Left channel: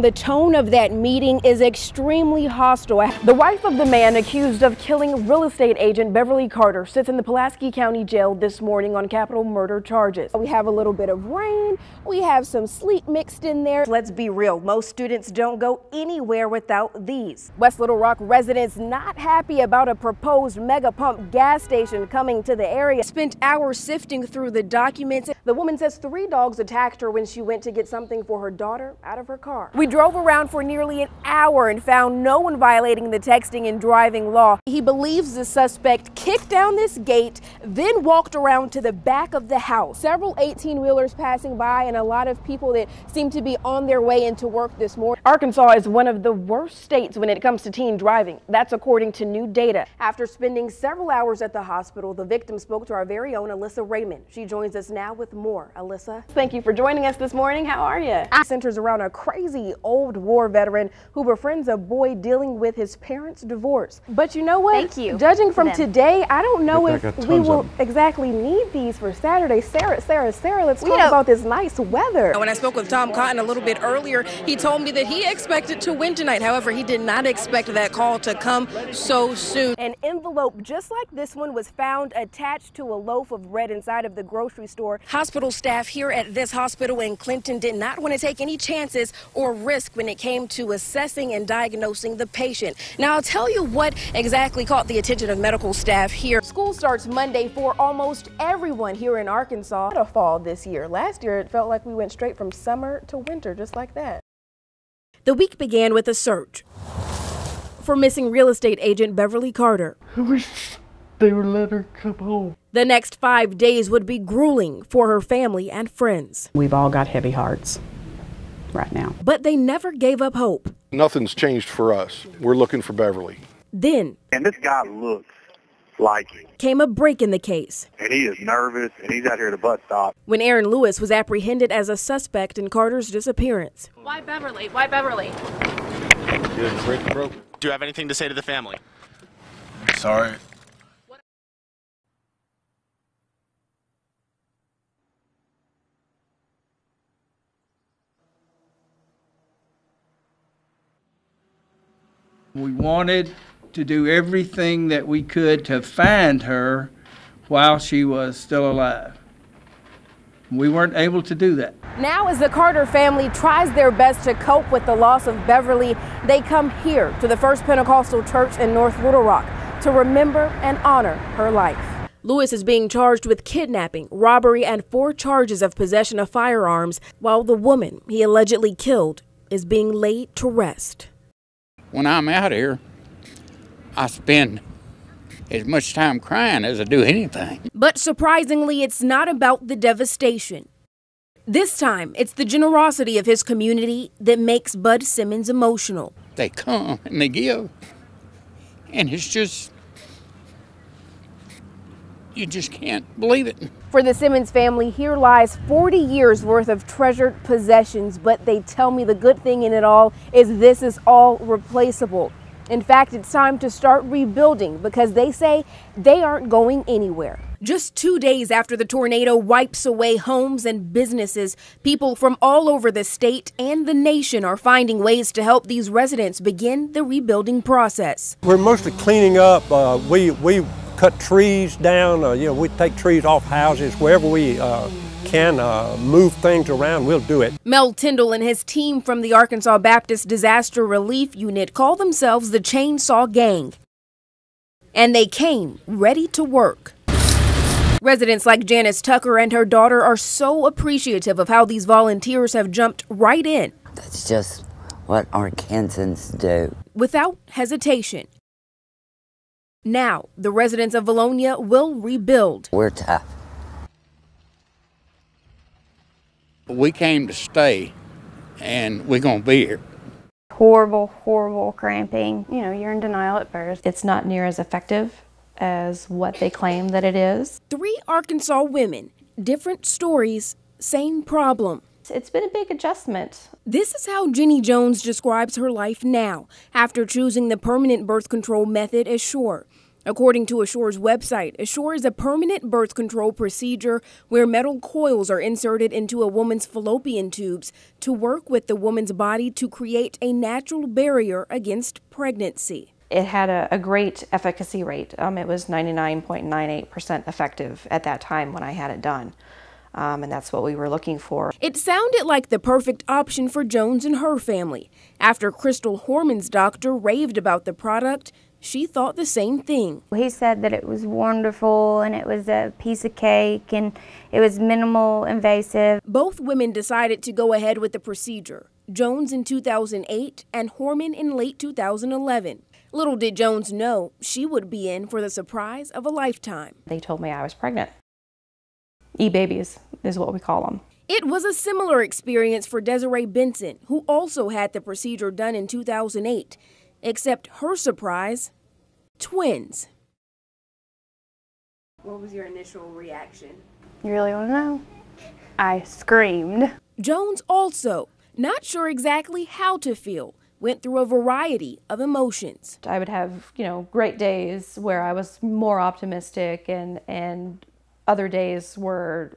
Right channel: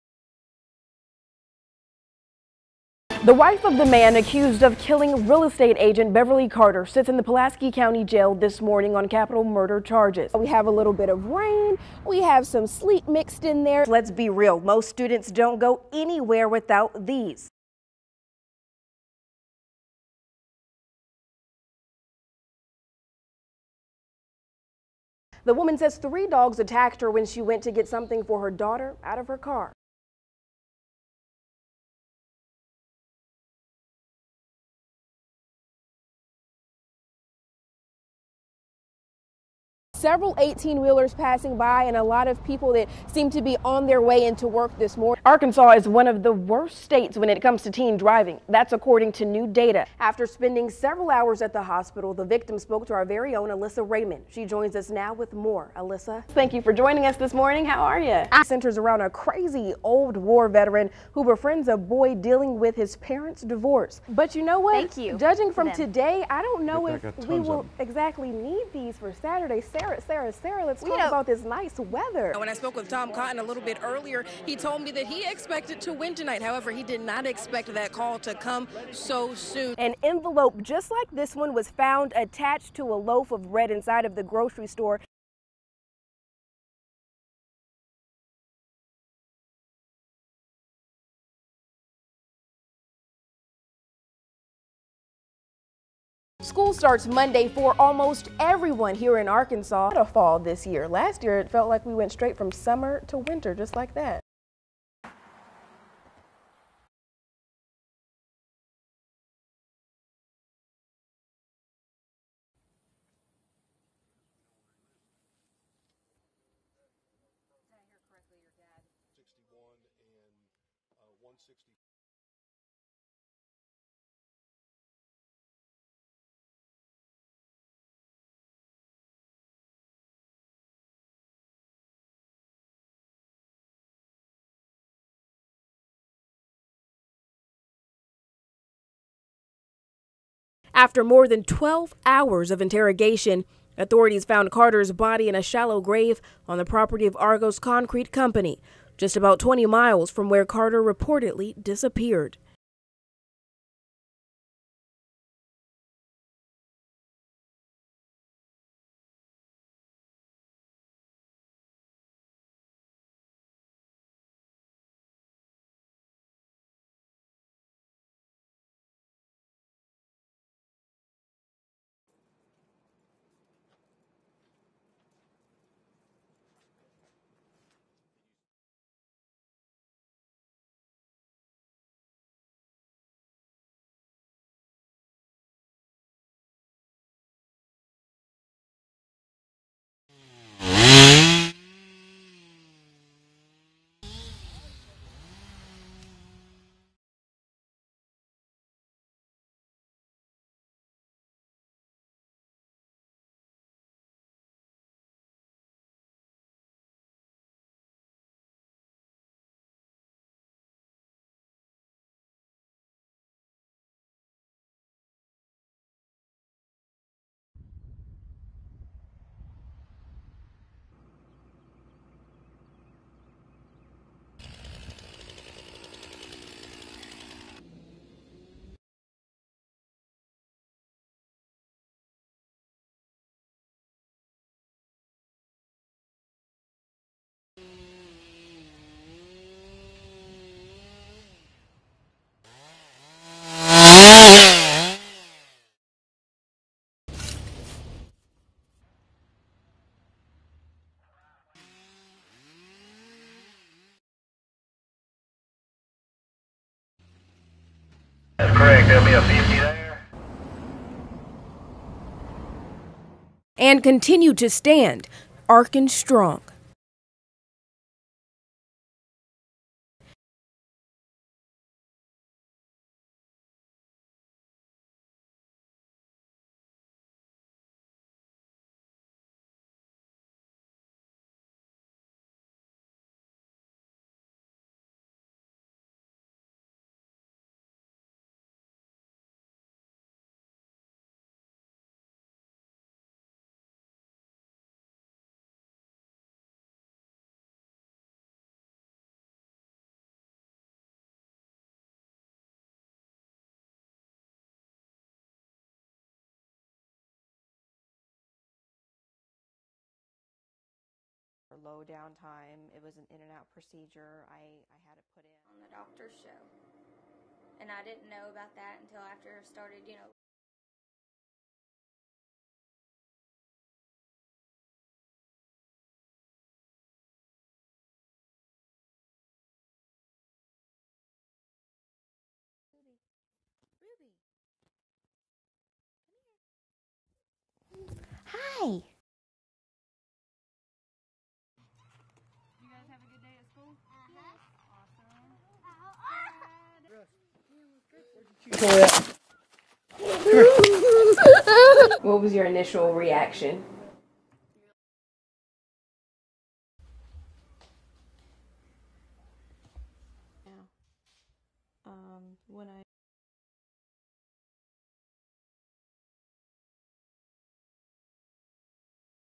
The tone of that meeting is extremely hostile. The wife of the man accused of killing real estate agent Beverly Carter sits in the Pulaski County Jail this morning on capital murder charges. We have a little bit of rain, we have some sleet mixed in there. Let's be real, most students don't go anywhere without these. West Little Rock residents not happy about a proposed mega pump gas station coming to the area. Spent hours sifting through the documents. The woman says 3 dogs attacked her when she went to get something for her daughter out of her car. We drove around for nearly an hour and found no one violating the texting and driving law. He believes the suspect kicked down this gate, then walked around to the back of the house. Several 18-wheelers passing by and a lot of people that seem to be on their way into work this morning. Arkansas is one of the worst states when it comes to teen driving. That's according to new data. After spending several hours at the hospital, the victim spoke to our very own Alyssa Raymond. She joins us now with more. Alyssa, thank you for joining us this morning. How are you? It centers around a crazy old war veteran who befriends a boy dealing with his parents' divorce. But you know what? Thank you. Judging from today, I don't know if we will exactly need these for Saturday. Sarah, let's talk about this nice weather. When I spoke with Tom Cotton a little bit earlier, he told me that he expected to win tonight. However, he did not expect that call to come so soon. An envelope just like this one was found attached to a loaf of bread inside of the grocery store. Hospital staff here at this hospital in Clinton did not want to take any chances or risk when it came to assessing and diagnosing the patient. Now, I'll tell you what exactly caught the attention of medical staff here. School starts Monday for almost everyone here in Arkansas. A fall this year. Last year, it felt like we went straight from summer to winter, just like that. The week began with a search for missing real estate agent Beverly Carter. I wish they would let her come home. The next 5 days would be grueling for her family and friends. We've all got heavy hearts right now. But they never gave up hope. Nothing's changed for us. We're looking for Beverly. Then, and this guy looks like him. Came a break in the case. And he is nervous, and he's out here at the bus stop. When Aaron Lewis was apprehended as a suspect in Carter's disappearance. Why Beverly? Why Beverly? Do you have anything to say to the family? Sorry. After more than 12 hours of interrogation, authorities found Carter's body in a shallow grave on the property of Argos Concrete Company, just about 20 miles from where Carter reportedly disappeared. We wanted to do everything that we could to find her while she was still alive. We weren't able to do that. Now, as the Carter family tries their best to cope with the loss of Beverly, they come here to the First Pentecostal Church in North Little Rock to remember and honor her life. Lewis is being charged with kidnapping, robbery, and 4 charges of possession of firearms, while the woman he allegedly killed is being laid to rest. When I'm out here, I spend as much time crying as I do anything. But surprisingly, it's not about the devastation. This time, it's the generosity of his community that makes Bud Simmons emotional. They come and they give, and it's just, you just can't believe it. For the Simmons family, here lies 40 years worth of treasured possessions, but they tell me the good thing in it all is this is all replaceable. In fact, it's time to start rebuilding because they say they aren't going anywhere. Just 2 days after the tornado wipes away homes and businesses, people from all over the state and the nation are finding ways to help these residents begin the rebuilding process. We're mostly cleaning up. We cut trees down. We take trees off houses wherever we can move things around, we'll do it. Mel Tyndall and his team from the Arkansas Baptist Disaster Relief Unit call themselves the Chainsaw Gang. And they came ready to work. Residents like Janice Tucker and her daughter are so appreciative of how these volunteers have jumped right in. That's just what Arkansans do. Without hesitation. That's correct. There'll be a 50 there. Now, the residents of Valonia will rebuild. We're tough. And continue to stand, Arkan strong. We came to stay, and we're going to be here. Horrible, horrible cramping. You know, you're in denial at first. It's not near as effective as what they claim that it is. 3 Arkansas women, different stories, same problem. It's been a big adjustment. This is how Jenny Jones describes her life now, after choosing the permanent birth control method as sure. According to Assure's website, Assure is a permanent birth control procedure where metal coils are inserted into a woman's fallopian tubes to work with the woman's body to create a natural barrier against pregnancy. It had a great efficacy rate. It was 99.98% effective at that time when I had it done. And that's what we were looking for. It sounded like the perfect option for Jones and her family. After Crystal Horman's doctor raved about the product, she thought the same thing. He said that it was wonderful and it was a piece of cake and it was minimal invasive. Both women decided to go ahead with the procedure, Jones in 2008 and Horman in late 2011. Little did Jones know she would be in for the surprise of a lifetime. They told me I was pregnant. Hi. E-babies is what we call them. It was a similar experience for Desiree Benson, who also had the procedure done in 2008. Except her surprise, twins. What was your initial reaction? You really want to know? I screamed. Jones also, not sure exactly how to feel, went through a variety of emotions. I would have, great days where I was more optimistic and other days were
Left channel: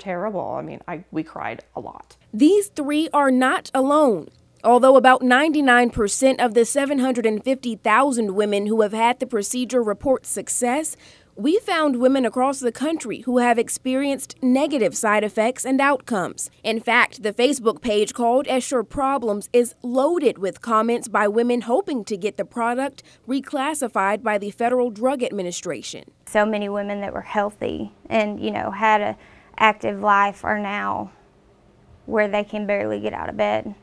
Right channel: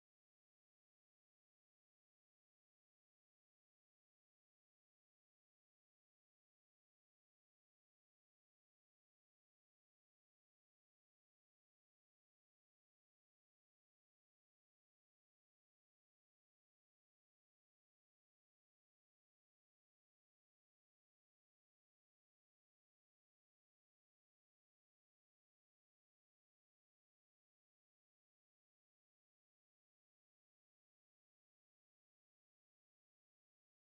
terrible. I mean, we cried a lot. These three are not alone. Although about 99% of the 750,000 women who have had the procedure report success, we found women across the country who have experienced negative side effects and outcomes. In fact, the Facebook page called Assure Problems is loaded with comments by women hoping to get the product reclassified by the Federal Drug Administration. So many women that were healthy and, had an active life are now where they can barely get out of bed.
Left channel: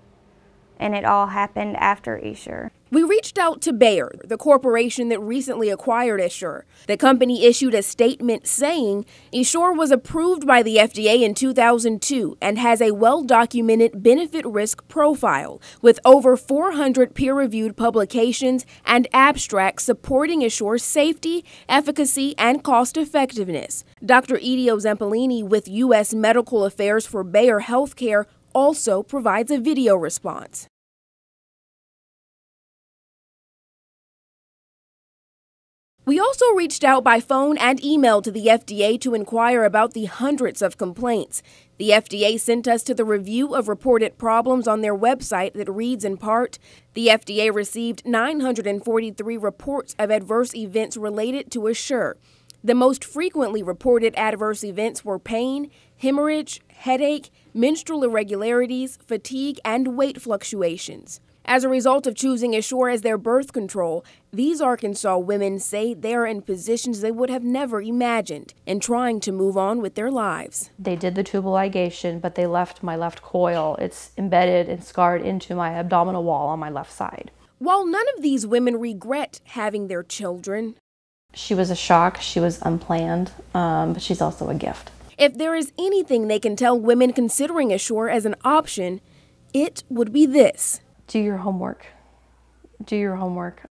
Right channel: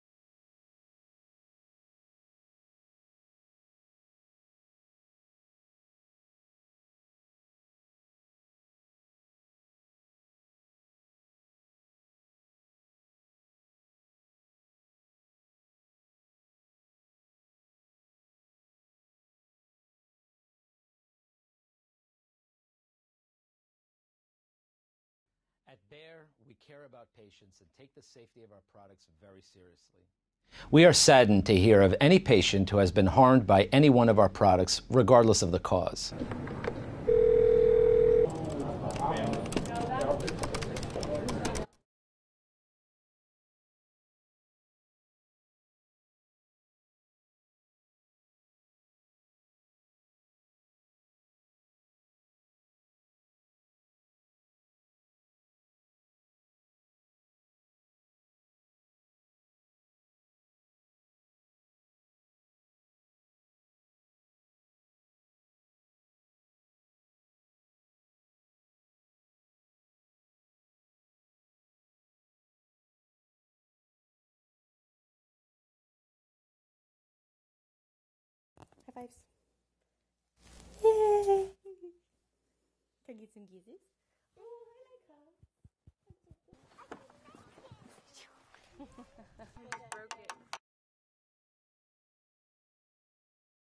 And it all happened after Assure. We reached out to Bayer, the corporation that recently acquired Assure. The company issued a statement saying Assure was approved by the FDA in 2002 and has a well-documented benefit-risk profile with over 400 peer-reviewed publications and abstracts supporting Assure's safety, efficacy, and cost-effectiveness. Dr. Idio Zampolini with U.S. Medical Affairs for Bayer Healthcare also provides a video response. We are saddened to hear of any patient who has been harmed by any one of our products, regardless of the cause. We also reached out by phone and email to the FDA to inquire about the hundreds of complaints. The FDA sent us to the review of reported problems on their website that reads in part, the FDA received 943 reports of adverse events related to Assure. The most frequently reported adverse events were pain, hemorrhage, headache, menstrual irregularities, fatigue, and weight fluctuations. As a result of choosing Assure as their birth control, these Arkansas women say they are in positions they would have never imagined and trying to move on with their lives. They did the tubal ligation, but they left my left coil. It's embedded and scarred into my abdominal wall on my left side. While none of these women regret having their children, she was a shock, she was unplanned, but she's also a gift. If there is anything they can tell women considering Assure as an option, it would be this. Do your homework. Do your homework.